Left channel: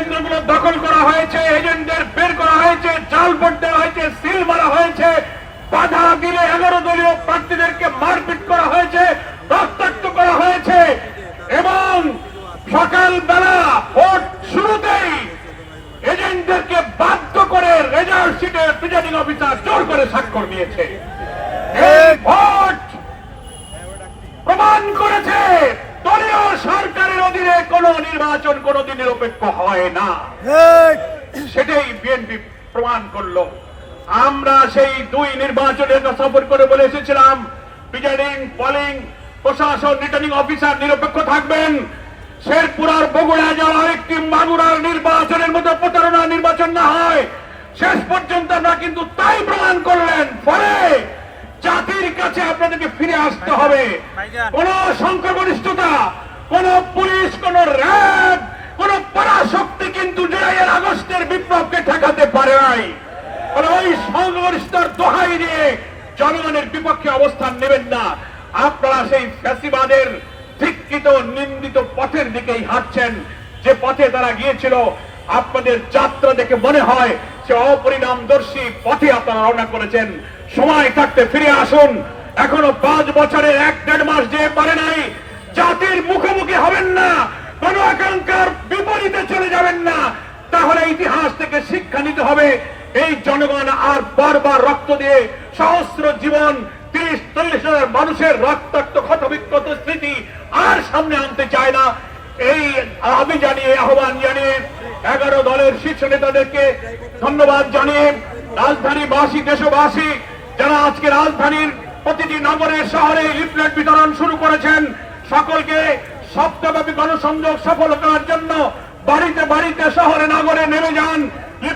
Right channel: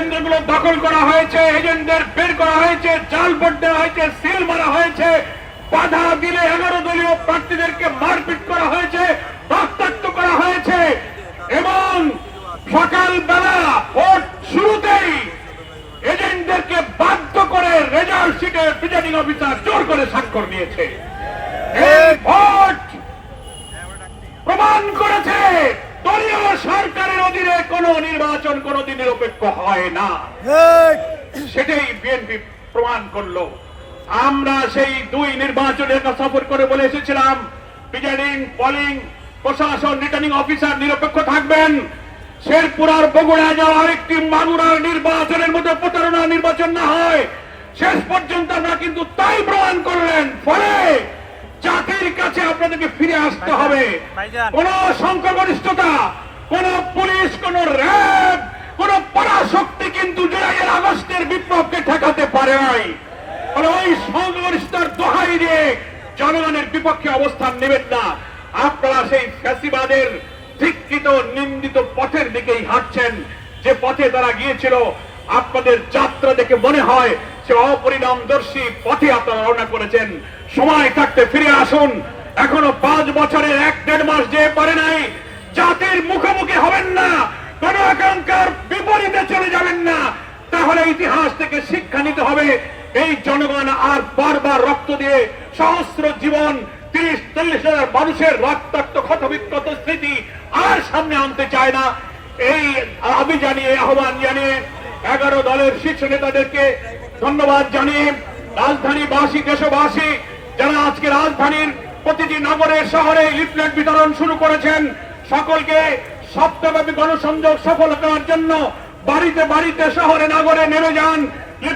কেন্দ্রগুলো দখল করা হয়েছে, এজেন্টদের বের করা হয়েছে, জাল ভোট দেওয়া হয়েছে, সিল মারা হয়েছে, বাধা দিলে 11 দলীয় প্রার্থীদেরকে মারপিট করা হয়েছে, রক্তাক্ত করা হয়েছে এবং সকালবেলা ভোট শুরুতেই এজেন্টদেরকে বাধ্য করে রেজাল্ট শিটে প্রিজাইডিং অফিসার জোর করে স্বাক্ষর নিয়েছে। এই ভোট প্রমাণ করেছে দলীয় সরকারের অধীনে কোন নির্বাচন কোনদিন নিরপেক্ষ হয় না, সেটাই বিএনপি প্রমাণ করলো। আমরা সেই 2 নির্বাচনের সফর করে বলে এসেছিলাম প্রিজাইডিং, পোলিং, প্রশাসন, রিটার্নিং অফিসার নিরপেক্ষ থাকবেন। শেরপুর আর বগুড়া যাওয়া একটি মাগুরার নির্বাচনের মতো প্রতারণা নির্বাচন না হয়। শেষ পর্যন্ত আমরা কিন্তু তাই প্রমাণ করলেন। ফলে জাতির কাছে আপনাদেরকে ফিরে আসতে হবে। কোন সংখ্যাগরিষ্ঠতা, কোন পুলিশ, কোন র্যাব, কোন পরাশক্তি কিন্তু জুলাইয়ের আগস্টের বিপ্লবকে ঠেকাতে পারে নাই। ফলে ওই সংখ্যাগরিষ্ঠতার দোহাই দিয়ে জনগণের বিপক্ষে অবস্থান নেবেন না। আপনারা সেই ফ্যাসিবাদের ধিক্কৃত নিন্দিত পথের দিকেই হাঁটছেন, যে পথে তারা গিয়েছিল। আপনাদের যাত্রা দেখে মনে হয় সে অপরিণামদর্শী পথে আপনারা রওনা করেছেন। সময় থাকতে ফিরে আসুন। এখনো 5 বছরের 1-1.5 মাস যে পারে নাই। জাতির মুখোমুখি হবেন না, কোন আকাঙ্ক্ষার বিপরীতে চলে যাবেন না। তাহলে ইতিহাস থেকে শিক্ষা নিতে হবে। এই জনগণ আর বারবার রক্ত দিয়ে সহস্র জীবন, 30-40 হাজার মানুষের রক্তাক্ত ক্ষতবিক্ষত স্মৃতি আর সামনে আনতে চায় না। এই দাবি জানিয়ে, আহ্বান জানিয়ে 11 দলের শীর্ষ নেতাদেরকে ধন্যবাদ জানিয়ে রাজধানীবাসী, দেশবাসী যারা আজকে রাজধানীর প্রতিটি নগরে শহরে লিফলেট বিতরণ শুরু করেছেন, সকলকে সপ্তাহব্যাপী গণসংযোগ সফল করার জন্য বাড়িতে বাড়িতে, শহরে নগরে নেমে যান।